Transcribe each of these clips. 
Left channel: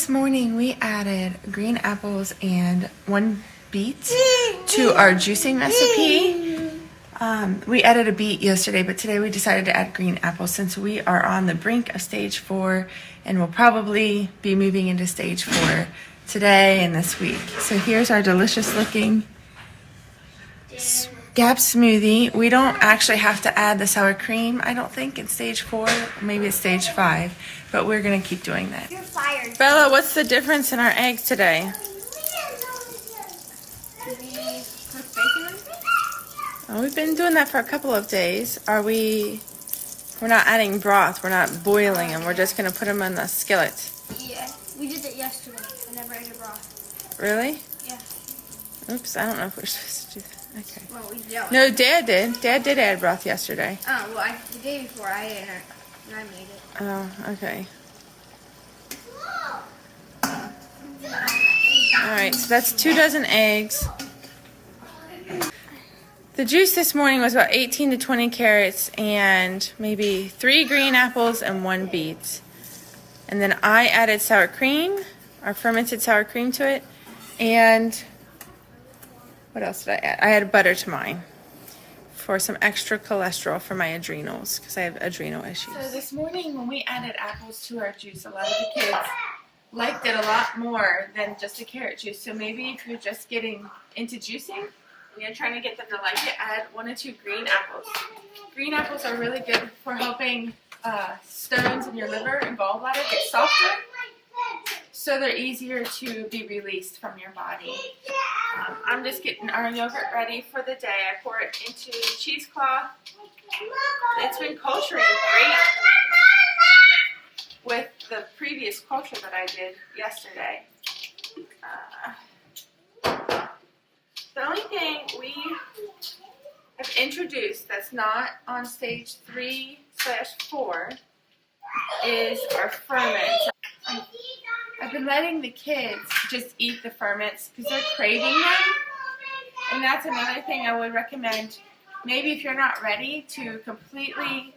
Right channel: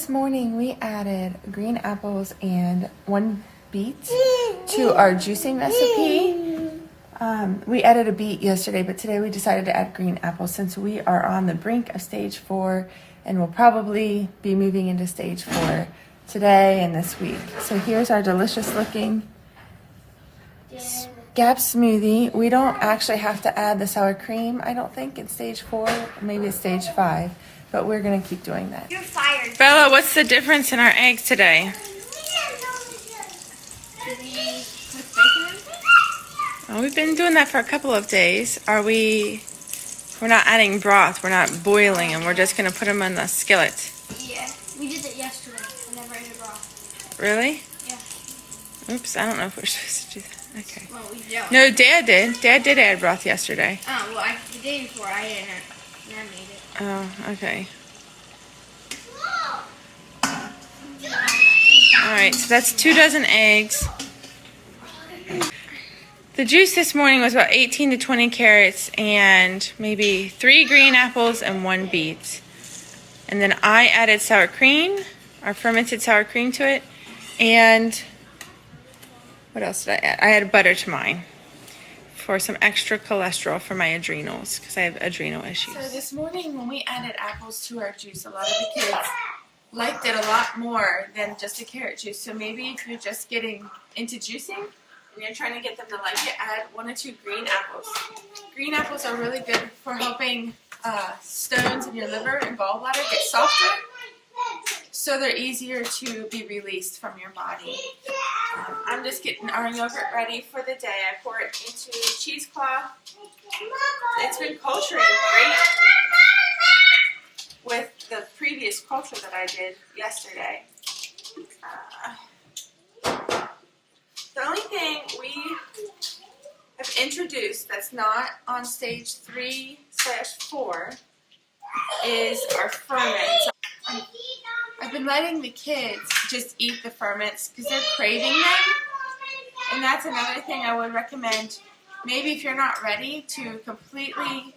this morning we added green apples and 1 beet to our juicing recipe. We added a beet yesterday, but today we decided to add green apples since we are on the brink of stage 4 and we'll probably be moving into stage 4 today and this week. So here's our delicious looking Gap smoothie. We don't actually have to add the sour cream, I don't think, in stage 4. Maybe it's stage 5, but we're going to keep doing that. You're fired. Bella, what's the difference in our eggs today? Oh, we've been doing that for a couple of days. We're not adding broth. We're not boiling them. We're just going to put them in the skillet. Yeah, we did it yesterday. I never ate a broth. Really? Yeah. Oops, I don't know if we're supposed to do that. Okay. Well, we don't. No, Dad did. Dad did add broth yesterday. Oh, well, the day before I didn't, and I made it. Oh, okay. Alright, so that's 2 dozen eggs. The juice this morning was about 18 to 20 carrots and maybe 3 green apples and 1 beet. And then I added sour cream, our fermented sour cream to it, and what else did I add? I added butter to mine for some extra cholesterol for my adrenals because I have adrenal issues. So this morning when we added apples to our juice, a lot of the kids liked it a lot more than just a carrot juice. So maybe if you're just getting into juicing and you're trying to get them to like it, add 1 or 2 green apples. Green apples are really good for helping stones in your liver and gallbladder get softer, so they're easier to be released from your body. I'm just getting our yogurt ready for the day. I pour it into cheesecloth. It's been culturing great with the previous culture that I did yesterday. The only thing we have introduced that's not on stage 3/4 is our ferments. I've been letting the kids just eat the ferments because they're craving them. And that's another thing I would recommend. Maybe if you're not ready to completely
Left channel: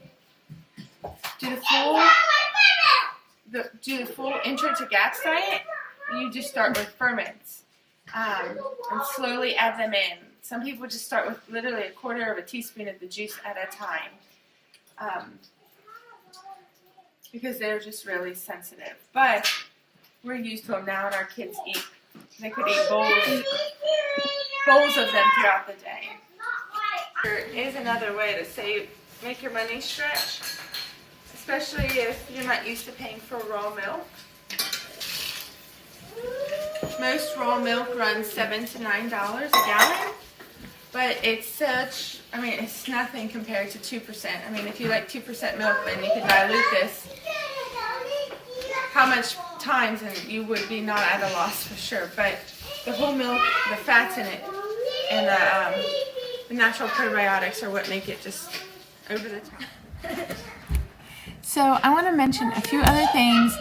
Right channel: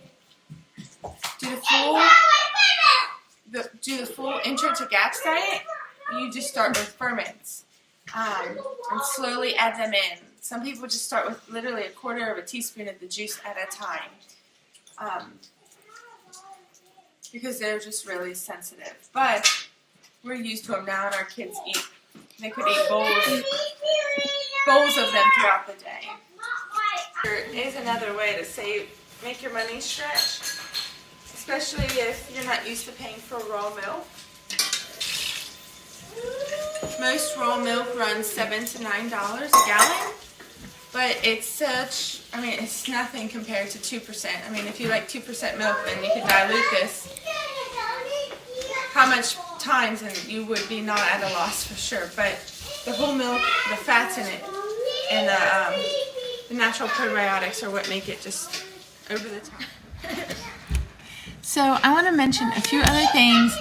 do the full intro to GAPS diet, you just start with ferments and slowly add them in. Some people just start with literally 1/4 teaspoon of the juice at a time because they're just really sensitive. But we're used to them now, and our kids eat. They could eat bowls of them throughout the day. There is another way to make your money stretch, especially if you're not used to paying for raw milk. Most raw milk runs $7 to $9 a gallon, but it's it's nothing compared to 2%. I mean, if you like 2% milk, then you could dilute this how much times and you would be not at a loss for sure. But the whole milk, the fats in it, and the natural probiotics are what make it just over the top. So I want to mention a few other things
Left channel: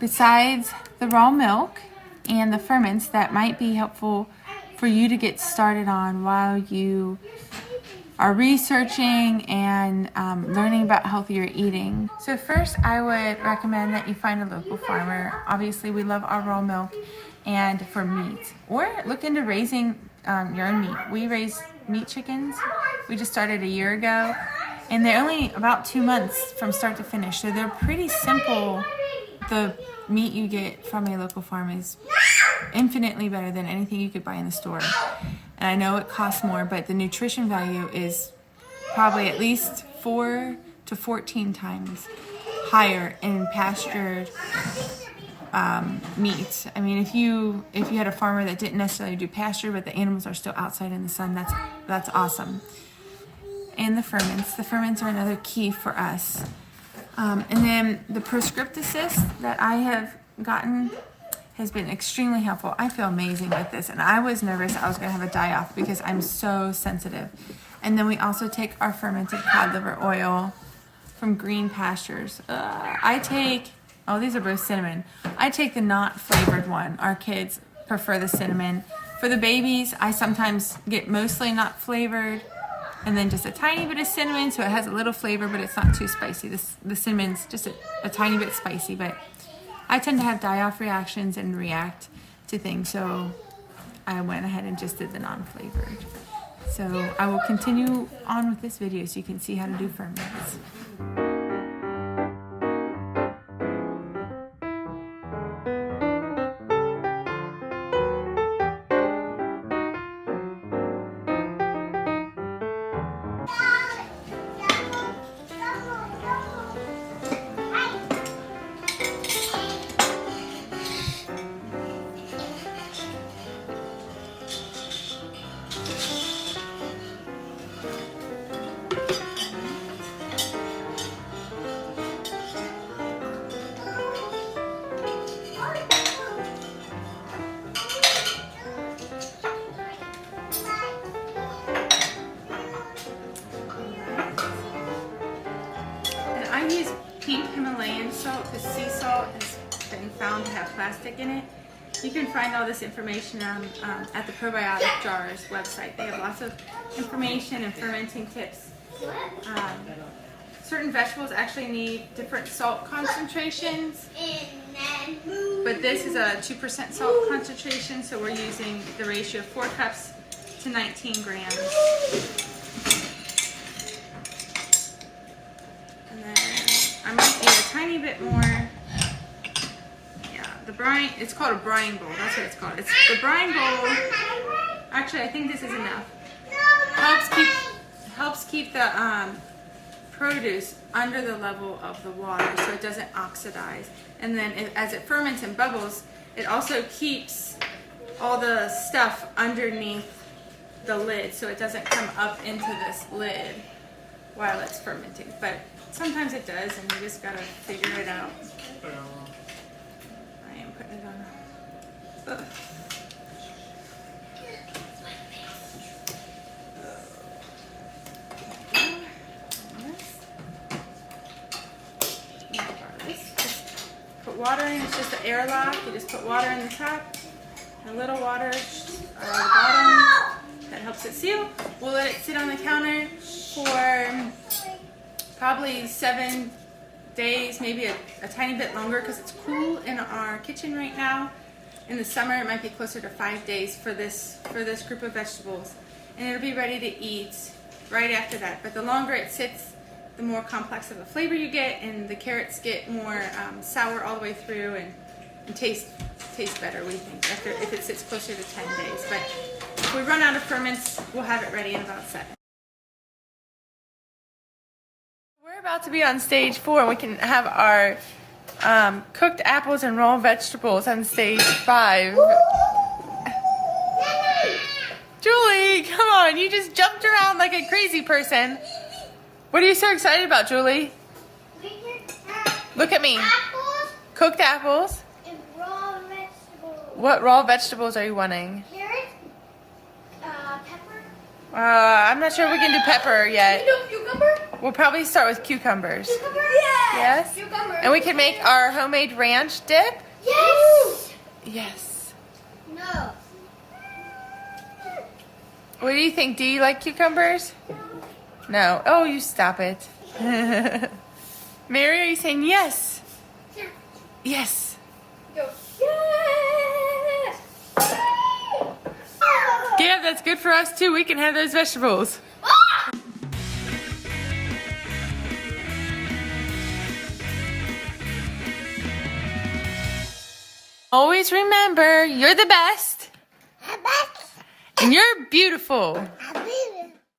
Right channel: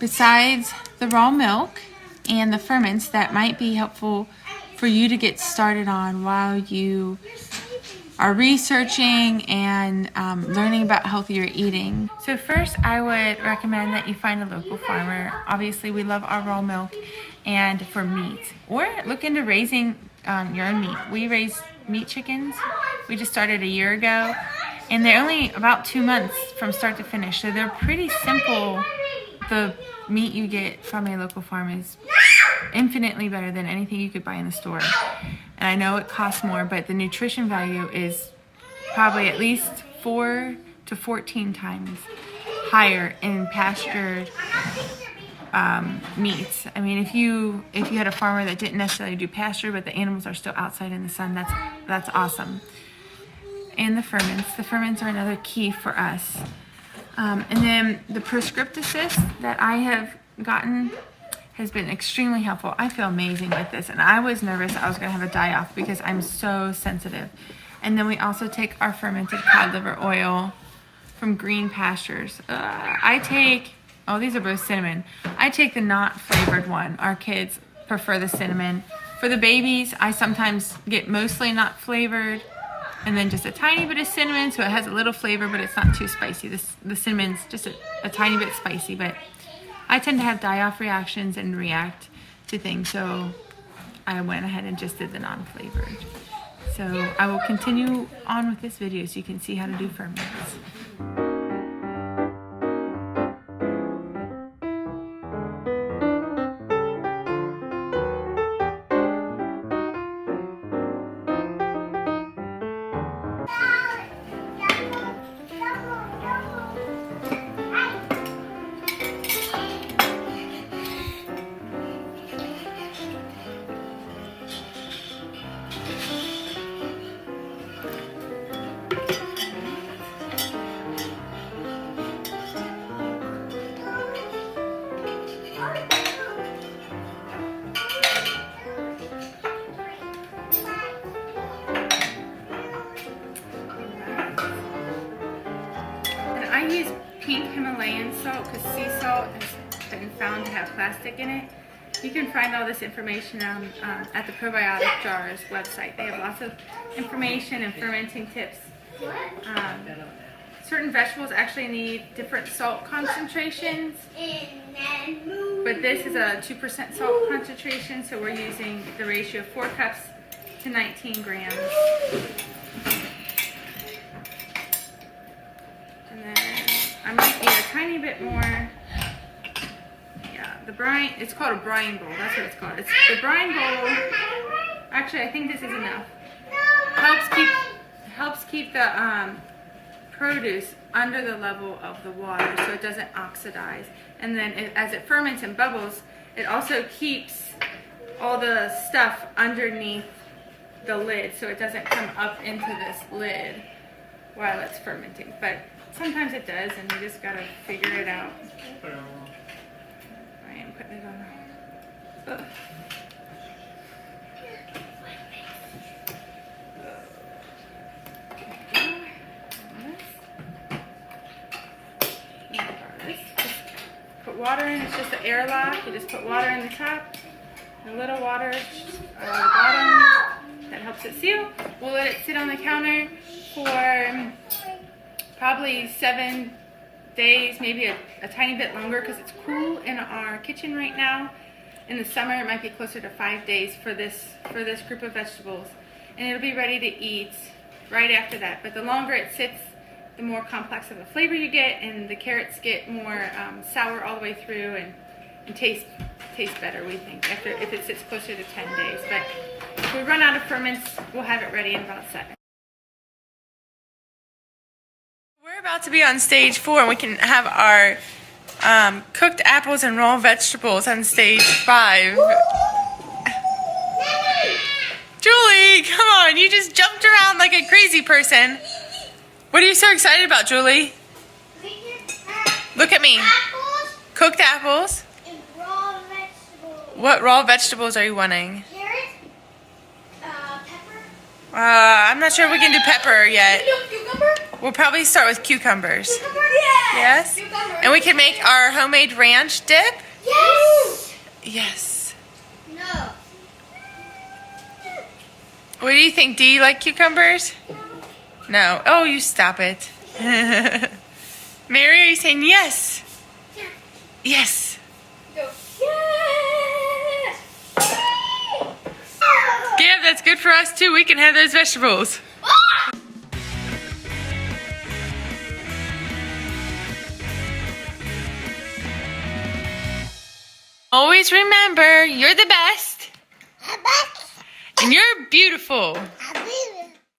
besides the raw milk and the ferments that might be helpful for you to get started on while you are researching and learning about healthier eating. So first, I would recommend that you find a local farmer. Obviously, we love our raw milk, and for meat. Or look into raising your own meat. We raise meat chickens. We just started a year ago, and they're only about 2 months from start to finish, so they're pretty simple. The meat you get from a local farm is infinitely better than anything you could buy in the store. And I know it costs more, but the nutrition value is probably at least 4 to 14 times higher in pastured meat. I mean, if you had a farmer that didn't necessarily do pasture, but the animals are still outside in the sun, that's awesome. And the ferments are another key for us. And then the prescriptive assist that I have gotten has been extremely helpful. I feel amazing with this, and I was nervous I was going to have a die-off because I'm so sensitive. And then we also take our fermented cod liver oil from Green Pastures. These are both cinnamon. I take the not flavored one. Our kids prefer the cinnamon. For the babies, I sometimes get mostly not flavored and then just a tiny bit of cinnamon, so it has a little flavor, but it's not too spicy. The cinnamon's just a tiny bit spicy, but I tend to have die-off reactions and react to things, so I went ahead and just did the non-flavored. So I will continue on with this video so you can see how to do ferments. I use pink Himalayan salt because sea salt has been found to have plastic in it. You can find all this information at the Probiotic Jars website. They have lots of information and fermenting tips. Certain vegetables actually need different salt concentrations, but this is a 2% salt concentration, so we're using the ratio of 4 cups to 19 grams. And then I might need a tiny bit more. Yeah, the brine, it's called a brine bowl. That's what it's called. It's the brine bowl. Actually, I think this is enough. Helps keep the produce under the level of the water so it doesn't oxidize. And then as it ferments and bubbles, it also keeps all the stuff underneath the lid so it doesn't come up into this lid while it's fermenting. But sometimes it does, and you just gotta figure it out. I am putting it on. Ugh. Put water in. It's just an airlock. You just put water in the top, and a little water at the bottom. That helps it seal. We'll let it sit on the counter for probably 7 days, maybe a tiny bit longer because it's cool in our kitchen right now. In the summer, it might be closer to 5 days for this group of vegetables, and it'll be ready to eat right after that. But the longer it sits, the more complex of a flavor you get, and the carrots get more sour all the way through and taste better, we think, if it sits closer to 10 days. But if we run out of ferments, we'll have it ready in about 7. We're about to be on stage 4, and we can have our cooked apples and raw vegetables on stage 5. Julie, come on, you just jumped around like a crazy person. What are you so excited about, Julie? Look at me. Apples. Cooked apples. And raw vegetables. What raw vegetables are you wanting? Carrot. Pepper. I'm not sure we can do pepper yet. Cucumber. We'll probably start with cucumbers. Cucumber. Yes. Yes? And we can make our homemade ranch dip? Yes. Yes. No. What do you think? Do you like cucumbers? No. Oh, you stop it. Mary, are you saying yes? Yeah. Yes. Go. Yes. Yeah, that's good for us too. We can have those vegetables. Always remember, you're the best. And you're beautiful.